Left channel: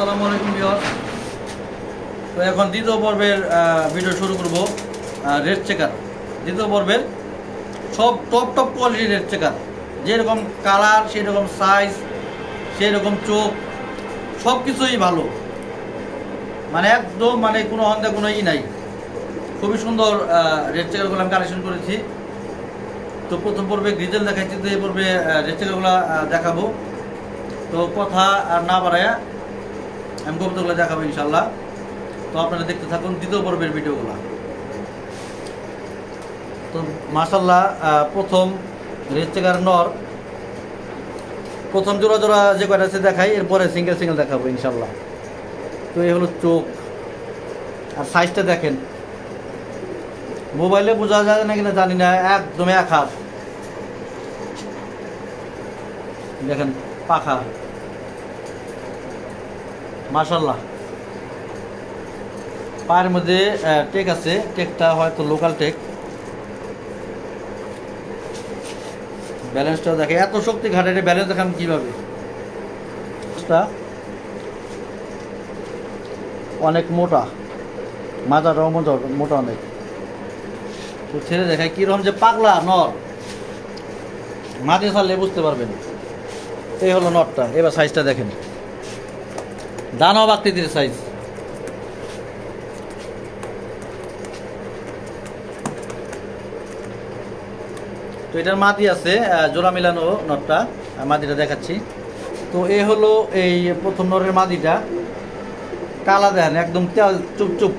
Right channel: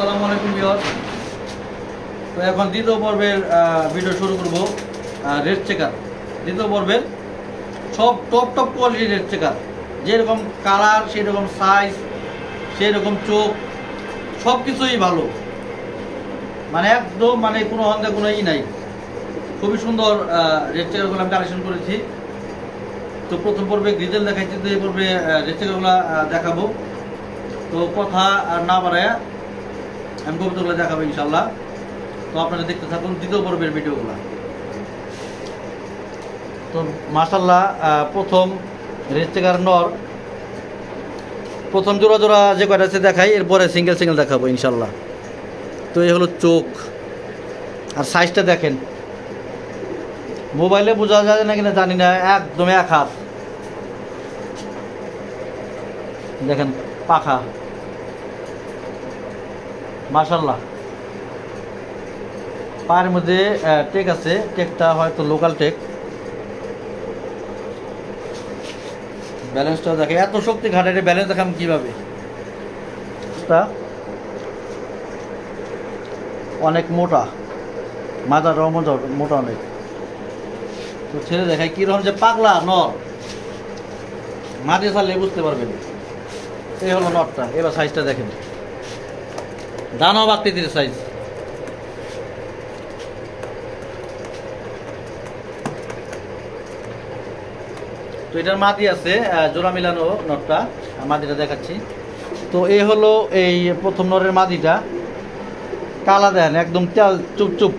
আসসালামু আলাইকুম ভিউয়ার্স। তো এখন দ্বিতীয় পর্বের ভিডিও শুরু করব। রেড চেকার দ্বিতীয় পর্বের সব টপ কোয়ালিটির রেড চেকার, যেরকম কালার সেই রকম সাইজ সেই রকম চোখ সব কিছুই ভালো, মানে একদম মানে কোনো অন্ধে কোনো নাই। খুবই সুন্দর রেড চেকারগুলো আমি কালেকশন করেছি। তো প্রথম পর্বে গ্রিজেল দেখাইছি, তো এই পর্বে রেড চেকারগুলো দেখাবো। তো কথা আর না বাড়ায় আমি কবুতরগুলো দেখাবো ইনশাল্লাহ। তো আপনারা দেখতে থাকুন দ্বিতীয় পর্বের ভিডিওগুলো। তো মাশাল্লাহ প্রথম রেড চেকার নর, প্রথম জোড়া জোড়া যে কয়টা আছে দেখাই, এরপরে সিঙ্গেল দেখাবো ইনশাল্লাহ। তো এই হলো চোখ আর সাইজটা দেখেন, মোবাইলে বোঝা যায় না কিনা জানি না, একদম এক হাত। দেখেন পাখা মাশাল্লাহ। পায়ের মধ্যে টেক আছে, টেকটা হয়তো লোকাল টেক। ব্যালেন্সটাও দেখে, এত শক্তি ঘাটে ব্যালেন্স দেখাম কিভাবে। অনেক মোটা, মাথাটাও মোটা অনেক। তো ছেড়ে দেখায় কিরকম যে পাগলা নর, মাটি ছাড়লে বুঝতে পারবেন। এই হলো নটটা। এবার সাইজটা দেখেন, দানব আকৃতির সাইজ। তো এটার মাদি আছে জোড়া মিলানো নটটা, মাদিটা দেখাচ্ছি। তো এই হলো এই প্রথম নরের মাদিটা, কালা দেন একদম তেল চুপ।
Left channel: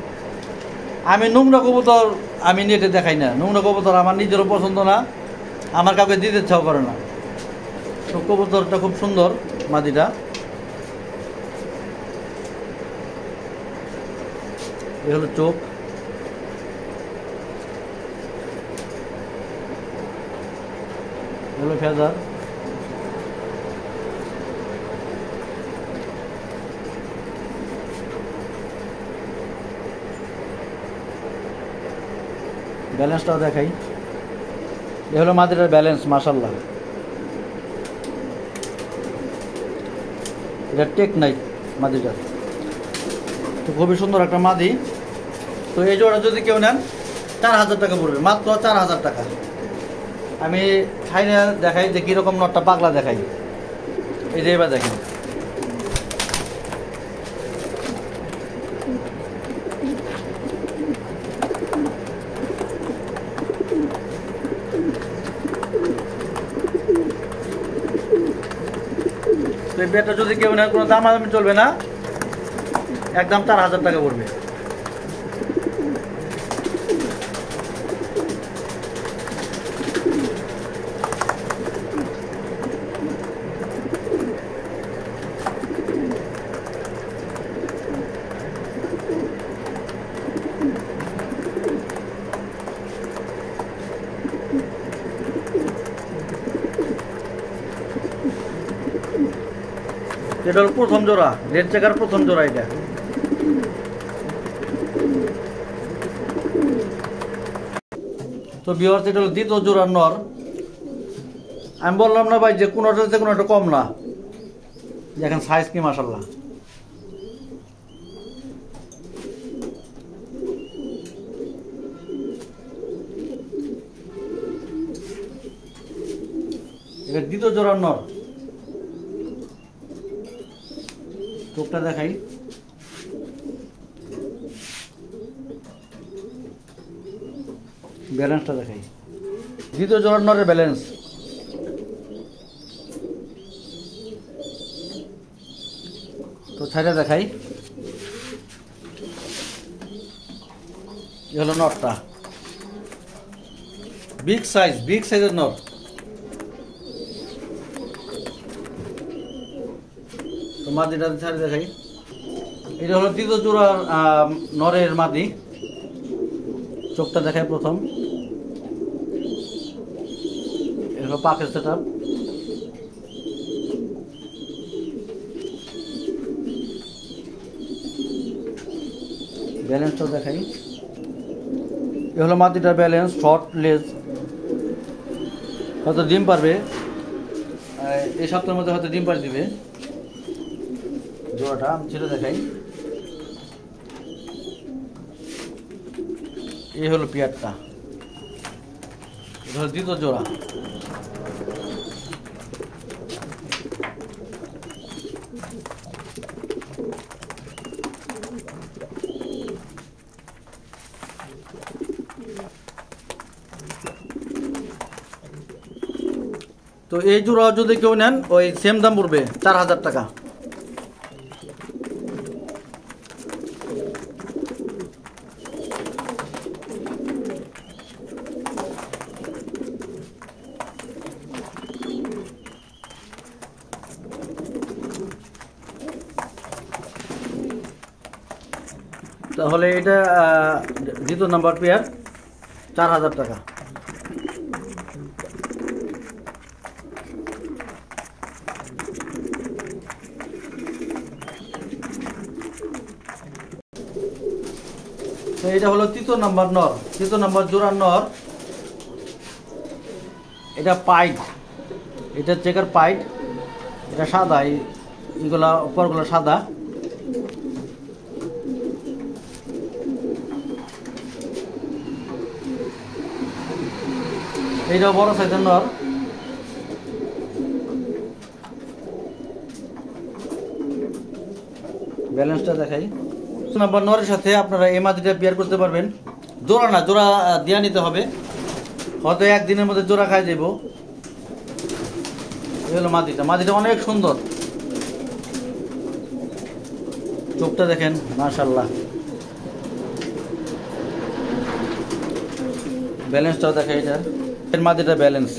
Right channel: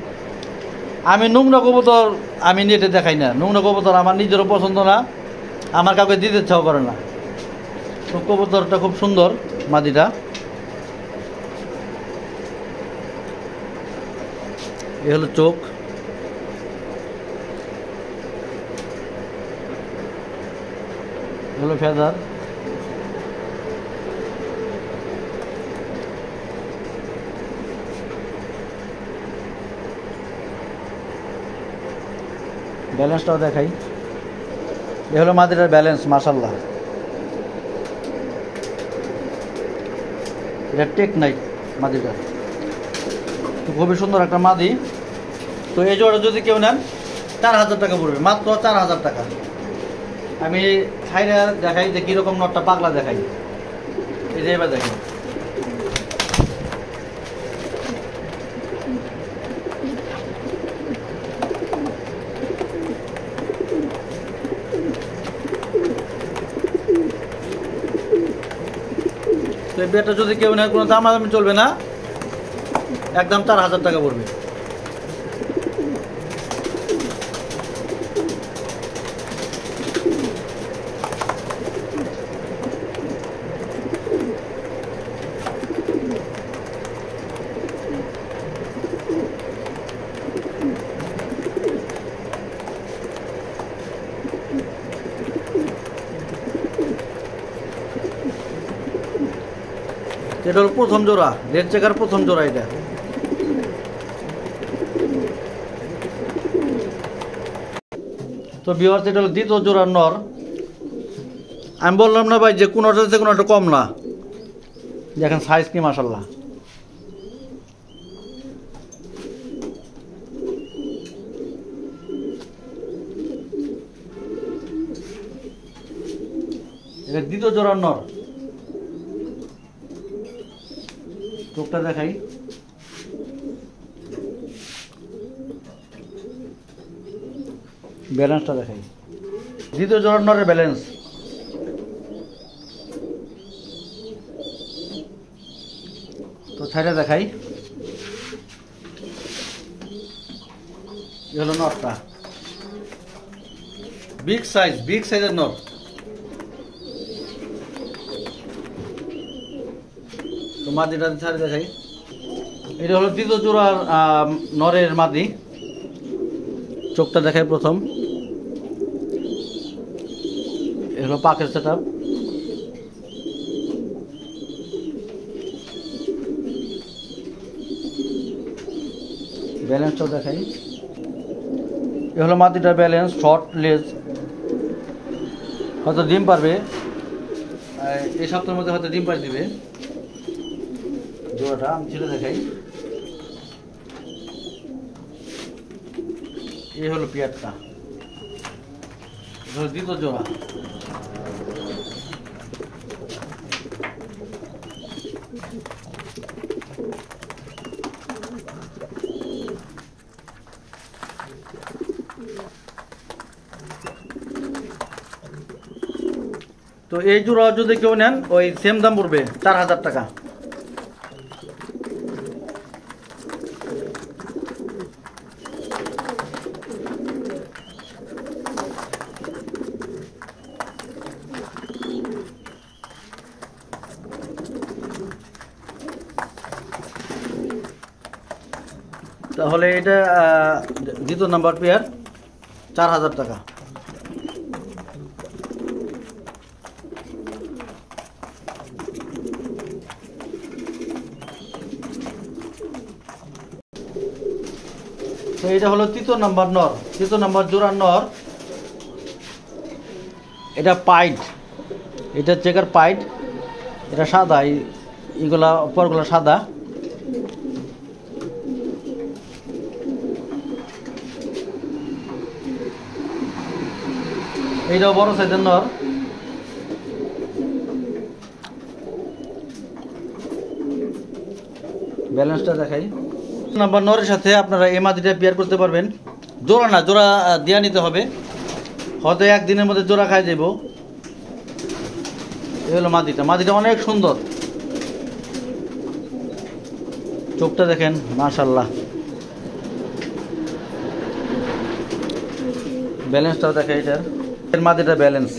আমি নোংরা কবুতর আমি নেটে দেখাই না, নোংরা কবুতর আমার নিজেরও পছন্দ না, আমার কাউকে দিতে ইচ্ছাও করে না। তো কবুতরটা খুব সুন্দর মাদিটা। এই হলো চোখ, হলো ফেদার। ব্যালেন্সটাও দেখাই, এ হলো মাদিটার ব্যালেন্স মাশাল্লাহ। এটা টেক নাই মাদিটার, তো খুবই সুন্দর একটা মাদি। তো এই জোড়া যদি কেউ নেন 4000 টাকা পড়বে, মাত্র 4000 টাকা। আমি খাইনা দেখাই যে কীরকম নটটা পাগলা দেখাই। এই যে এবার দেখেন, তো এই বেটা যদি কেউ নেয় কোনো দামাদামি চলবে না, একদম 4000 টাকা পড়বে। এটা হলো প্রথম জোড়া, রেড চেকার প্রথম জোড়া এটা। তো ভিউয়ার্স, এটা হলো দ্বিতীয় জোড়ার নর। আমি বললাম না ভাই যে কোনোটা থেকে কোনোটা কম না, দেখেন সাইজ কি মাশাল্লাহ। এটা দ্বিতীয় জোড়ার নর। চোখটা দেখাই, ব্যালেন্সটা দেখাই, দ্বিতীয় জোড়ার নরের ব্যালেন্স। তো ছাইটা দেখাই, এই হলো নটটা, বিগ সাইজের নট। তো মাদিটা ছাড়ে দেখাই, এটা হলো দ্বিতীয় জোড়ার নরের মাদি। চোখটা দেখাই প্রথম, এটা হলো পাকের সেটআপ। ব্যালেন্সটাও দেখাই, এ হলো মাদিটার ব্যালেন্স, শর্ট লেজ। হয়তো ডিম পারবে এই সপ্তাহের মধ্যে, হয়তো ডিম পার দিবে। জোড়াটা আমি ছেড়ে দেখাই। এই হলো পেয়ারটা, দ্বিতীয় জোড়া। তো এই জোড়া যদি কেউ নেন ওই সেম দাম পড়বে 4000 টাকা। তাহলে এটা দ্বিতীয় নাম্বার পেয়ার 4000 টাকা। তো এটা হলো তৃতীয় নাম্বার নর, তৃতীয় নাম্বার জোড়ার নর। এটা পাইট, এটা চেকার পাইট, এটা সাদা, এইগুলা উপরগুলো সাদা। এইটা বড় সাইজের নর। ব্যালেন্সটা দেখাই। নাম্বার নরের সাথে আপনারা এই মাদিটা পেয়ার করতে পারবেন। জোড়া না, জোড়া দিয়া নিতে হবে, হয়তো একদিনের মধ্যে জোড়া খাই দেব। এই হলো মাদিটা, মাদিটা অনেক সুন্দর, চোখটা দেখেন মাশাআল্লাহ। ব্যালেন্সটাও দেখে, এটার মাদিটা ব্যালেন্স,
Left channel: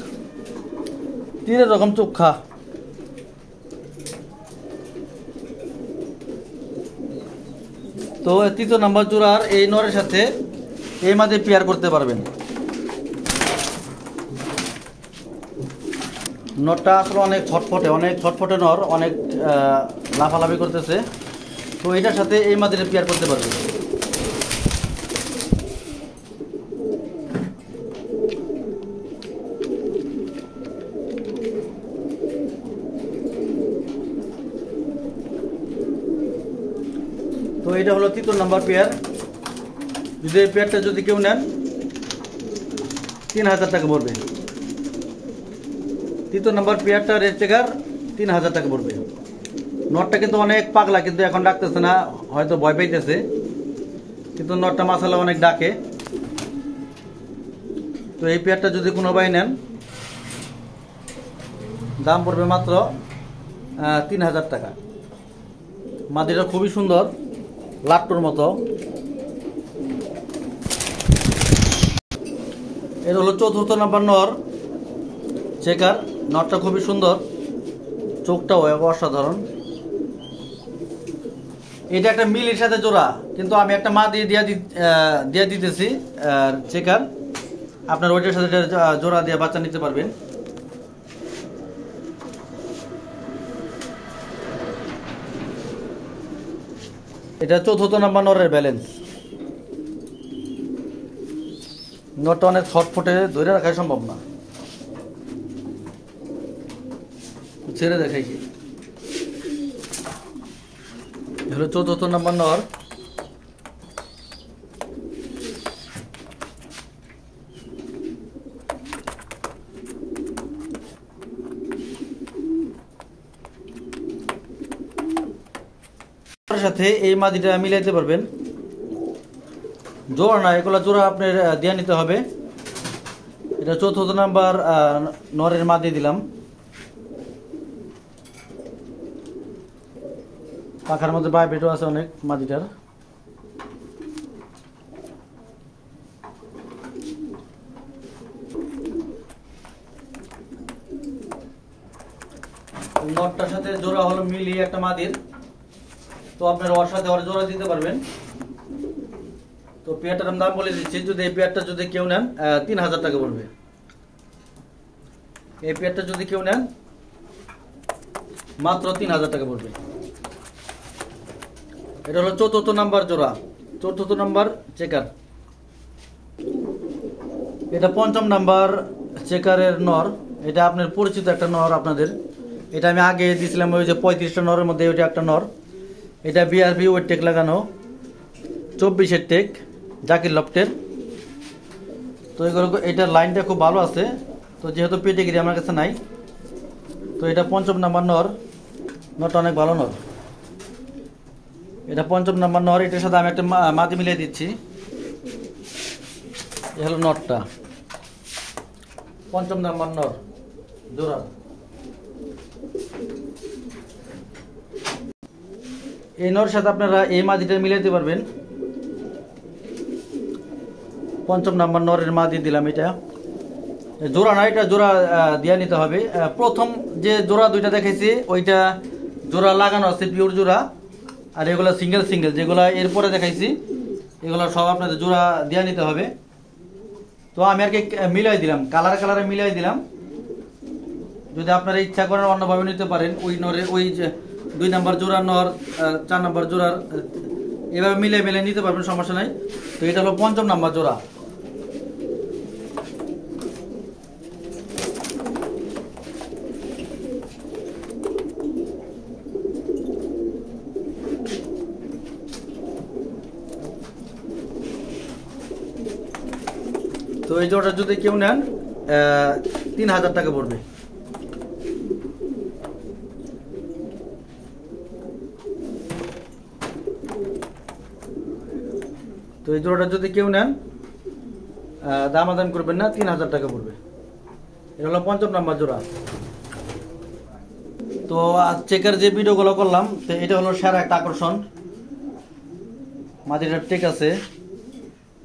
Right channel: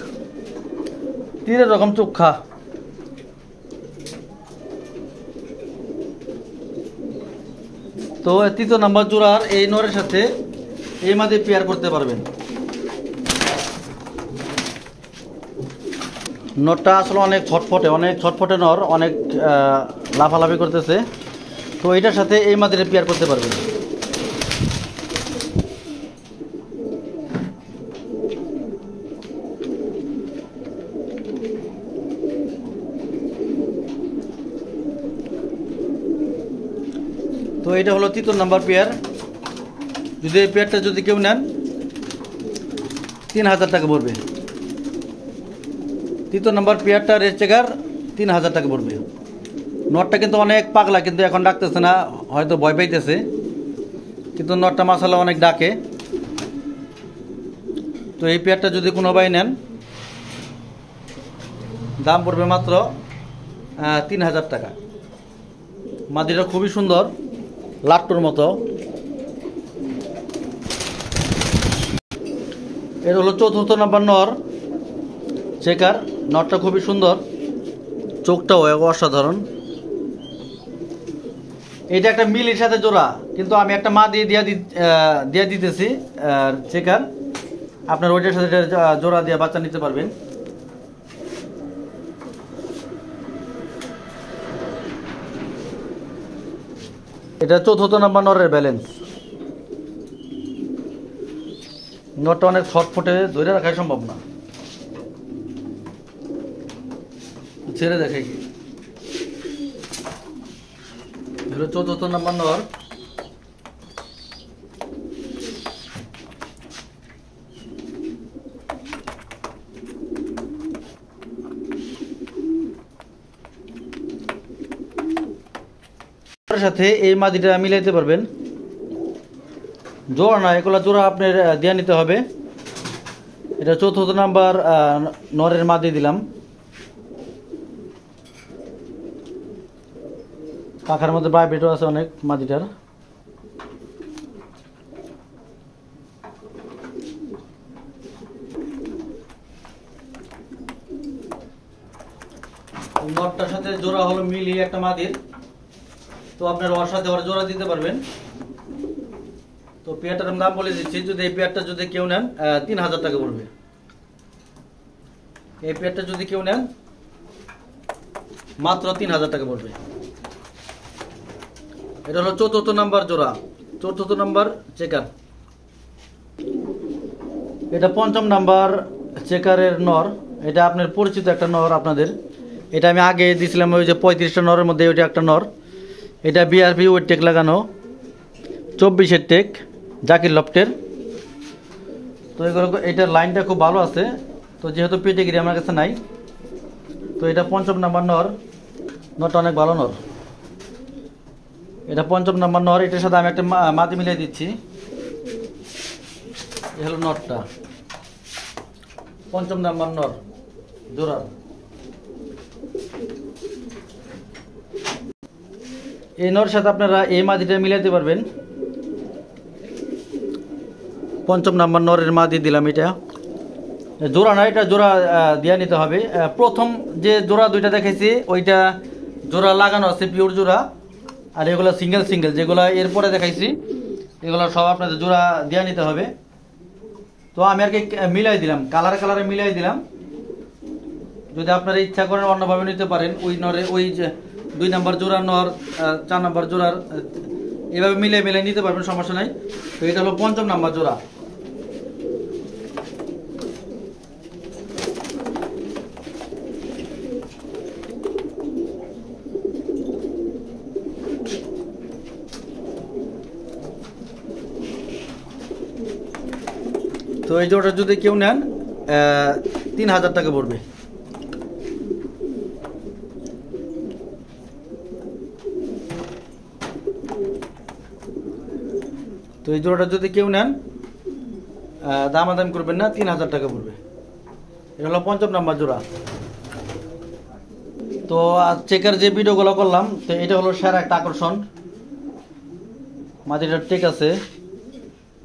তিনের রকম চোখা। তো তৃতীয় নাম্বার জোড়ার এই নরের সাথে এই মাদে পেয়ার করতে পারবেন। নরটা আসলে অনেক ছটফটে নর, অনেক লাফালাফি করতেছে। তো এটার সাথে এই মাদিটা পেয়ার করতে পারবেন। তো এটা হলো তৃতীয় নাম্বার পেয়ার। যদি এই পেয়ারটা যদি কেউ নেন 3000 টাকা পড়বে। তৃতীয় নাম্বার পেয়ারটা রেড চেকার 3000 টাকা পড়বে। নটটা কিন্তু অনেক পাগলা, কিন্তু এখন ডাকতেছে না, হয়তো ভয় পাইতেছে, কিন্তু নটটা মাশাআল্লাহ অনেক ডাকে। তো এই পেয়ারটা যদি কোনো ভাই নেন দাম পড়বে মাত্র 3000 টাকা। মাদিটা খুবই সুন্দর, লাট্টুর মতো। এটা হলো চতুর্থ নাম্বার নর চেকার। নরটা খুবই সুন্দর, চোখটাও অসাধারণ। এটা একটা মিলের সাথে জোড়া, কিন্তু আমি একটা মা দিয়ে দিতেছি চেকার। আপনার ওইটার সাথে জোড়া দিয়ে বাচ্চা নিতে পারবেন। এটা চতুর্থ নাম্বার নরের ব্যালেন্স। নটটা অনেক ছটফটে, ধরে রাখা সম্ভব না, ছেড়ে দেখাই কি। হলো চতুর্থ নাম্বার নর। সাথে এই মাদিটা মিলাইতে পারবেন। জোড়া না, এগুলো জোড়া আপনার দিয়ে নিতে হবে। এটা চতুর্থ নাম্বার নরের মাদি দিলাম। পাখার মধ্যে বাইবেটও আছে অনেক মাদিটার। নটটার সাথে জোড়া হলো মিলি একটা মাদির। তো আপনার ওর সাথে ওর জোড়া দিতে পারবেন। তো পেয়ারটার দাম বলে দিচ্ছি, যদি এই পেয়ারটা যদি কেউ নেন 3000 টাকা পড়বে। এই পেয়ারটা যদি কেউ নেন মাত্র 3000 টাকা পড়বে। এটা হলো চতুর্থ নাম্বার জোড়া, চতুর্থ নাম্বার চেকার। এটা পঞ্চম নাম্বার চেকারের নর। এটা আপনার পরিচিত একটা নর আপনাদের। এটা আমি আগে দিয়েছিলাম, ওই যে 35টা নরের মধ্যে ওইটা একটা নর। এটা বিআরবি ওয়েট টেক লাগানো, 24-এর টেক জাকির লফটের। তো এগুলো এটার লাইনটা খুব ভালো আছে। তো যেহেতু পেটিগিরি আমার কাছে নাই, তো এটা 5ম নাম্বার নর। নরটা অনেক ভালো নর। এটা 5ম নাম্বার নর। এটার সাথে আমি একটা মাদি মিলিয়ে দিচ্ছি। এ হলো নরটা, 5ম নাম্বার নর জোড়া। এই নর সাথে আপনারা এই মাদিটা মিলাইতে পারবেন। 5ম নাম্বার নরের মাদি দিলাম। এটা জোড়া না, এটা জোড়া দিয়ে নিতে হবে। প্রথম যে জোড়া দুইটা দেখেছি ওইটা জোড়া লাগানো আছে, পিওর জোড়া। আর এগুলো সিঙ্গেল সিঙ্গেল যেগুলো এরপরে দেখাইছি, এগুলো সব আপনাদের জোড়া দিয়ে নিতে হবে। তো আমি আর কি মিলাই দিলাম, কালারে মিলাই দিলাম। যদি আপনারা ইচ্ছা করেন অন্যভাবে নিতে পারেন। ওই নরে ওই যে 2 নাম্বার জোড়া নর, 4 নাম্বার জোড়ার এভাবে মিলে নিতে পারবেন, সমস্যা নাই। তো এটা হলো 5ম নাম্বার জোড়া। তো এই জোড়া যদি কেউ নেন 3000 টাকা পড়বে। তো এই জোড়াটা যদি কেউ নেন দামাদাম করবেন না, 3000 টাকা পড়বে। এটা হলো 5ম নাম্বার জোড়া। তো চেকের যে ভিডিওগুলো করলাম, তো এটা হলো সেরা একটা আকর্ষণ। মাদিটার টেক আছে,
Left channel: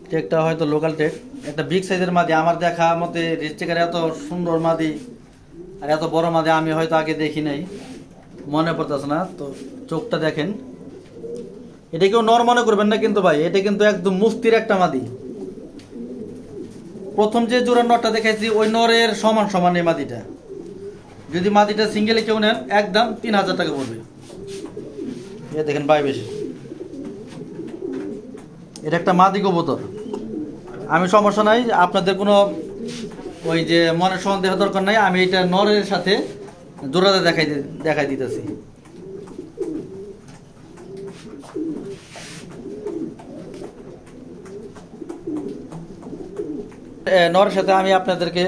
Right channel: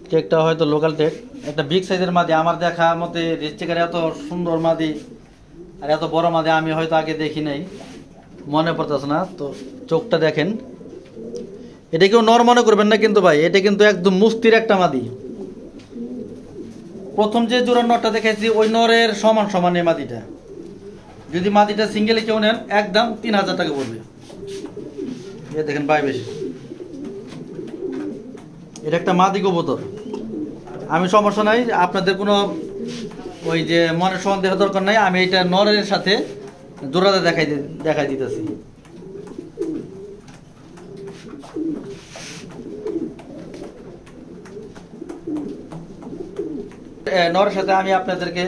টেকটা হয়তো লোকাল টেক, একটা বিগ সাইজের মাদি। আমার দেখা মতে রেড চেকার এত সুন্দর মাদি আর এত বড় মাদি আমি হয়তো আগে দেখি নাই, মনে পড়তেছে না। তো চোখটা দেখেন, এটা কেউ নর মনে করবেন না কিন্তু ভাই, এটা কিন্তু একদম মুস্তির একটা মাদি। প্রথম যে জোড়ার নরটা দেখাইছি ওই নরের সমান সমান এই মাদিটা। যদি মাদিটা সিঙ্গেলে কেউ নেন একদম 3000 টাকা পড়বে। এ দেখেন ভাই, বেশি এটা একটা মাদি কবুতর। আমি সমস্যা নাই, আপনাদের কোনো ওই যে মনে সন্দেহ দরকার নাই। আমি এটা নরের সাথে জোড়াতে দেখাই দিতেছি। নরের সাথে আমি আপনাদেরকে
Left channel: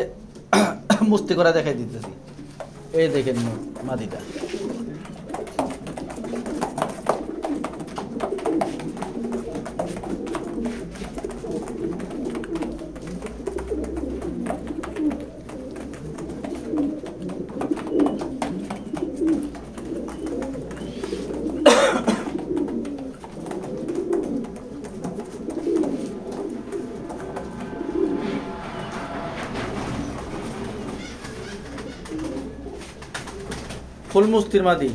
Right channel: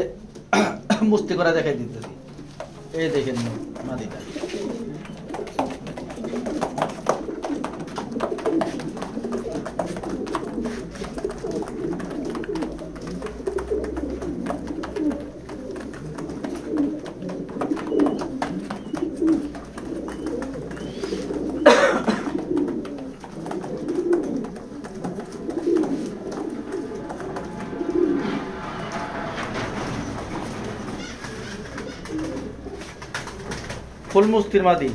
মুস্তি করে দেখাই দিতেছি। এই দেখেন মাদিটা। ফুল মুস্তির মাদি।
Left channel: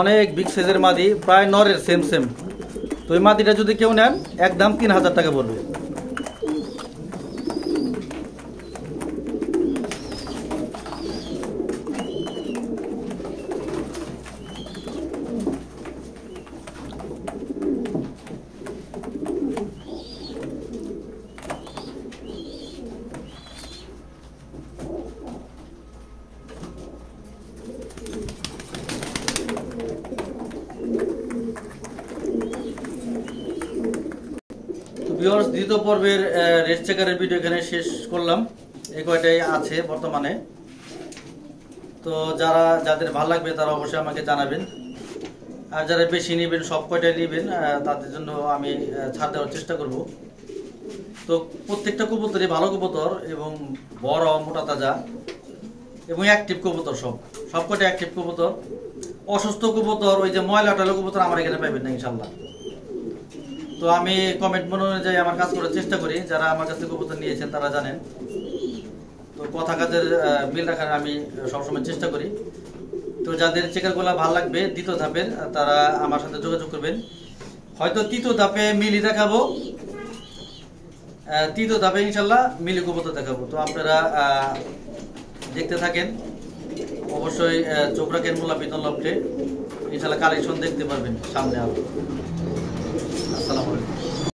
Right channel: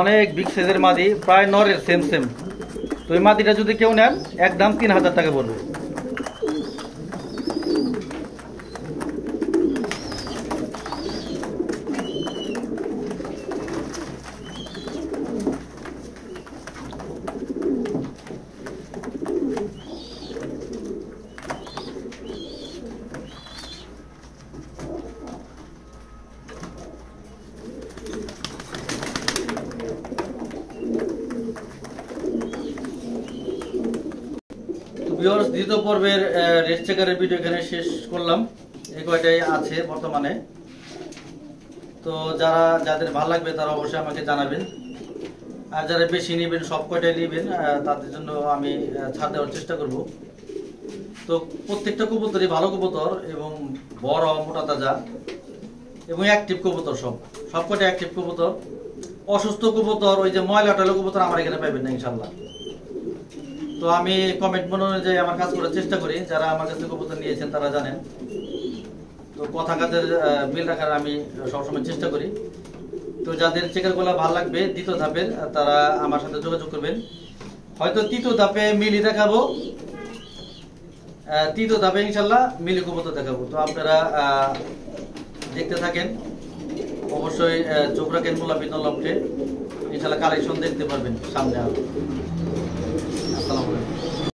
অনেক বিগ সাইজের মাদি, প্রায় নরের সেম। তো এই মাদিটা যদি কেউ নেন একদম 3000 টাকা পড়বে। ভিউয়ার্স, দ্বিতীয় পর্বের রেড চেকারের ভিডিও এখানে শেষ করলাম। এই কয়টাই আছে বর্তমানে। তো যাদের ভালো লাগবে তারা অবশ্যই আমাকে জানাবেন। আর যারা বেশি নেবেন, সব কয়টাই নেবেন, তাদের জন্য আমি ছাড় দেওয়ার চেষ্টা করব। তো প্রত্যেকটা কবুতরই ভালো কবুতর এবং বড় মোটা তাজা এবং অ্যাক্টিভ কবুতর। সব কয়টা অ্যাক্টিভ কবুতর। অসুস্থ কবুতর, ওই যে ময়লা টয়লা কবুতর আমার এখানে পাইবেন না ইনশাল্লাহ। তো আমি কমেন্ট অনুযায়ী আমার কাজ করার চেষ্টা করি। যারা আমার কাছে কবুতর নিয়েছেন তারা জানেন। তো কথা কাজের মিল রাখার আমি সবসময় চেষ্টা করি। তো যাদের চেকারগুলো ভালো লাগবে দ্বিতীয় ধাপের, তারা আমার সাথে যোগাযোগ করবেন। হয়তো তৃতীয় ধাপে মিলি দেখাবো, তৃতীয় ধাপে ইনশাল্লাহ মিলি কবুতর দেখাবো। তো আপনারা দেখতে থাকেন, অবশ্যই চোখ রাখেন মোল্লা বিনোদ লফটে। ইনশাল্লাহ কালেকশন দেখতে পারবেন সামনে আরো।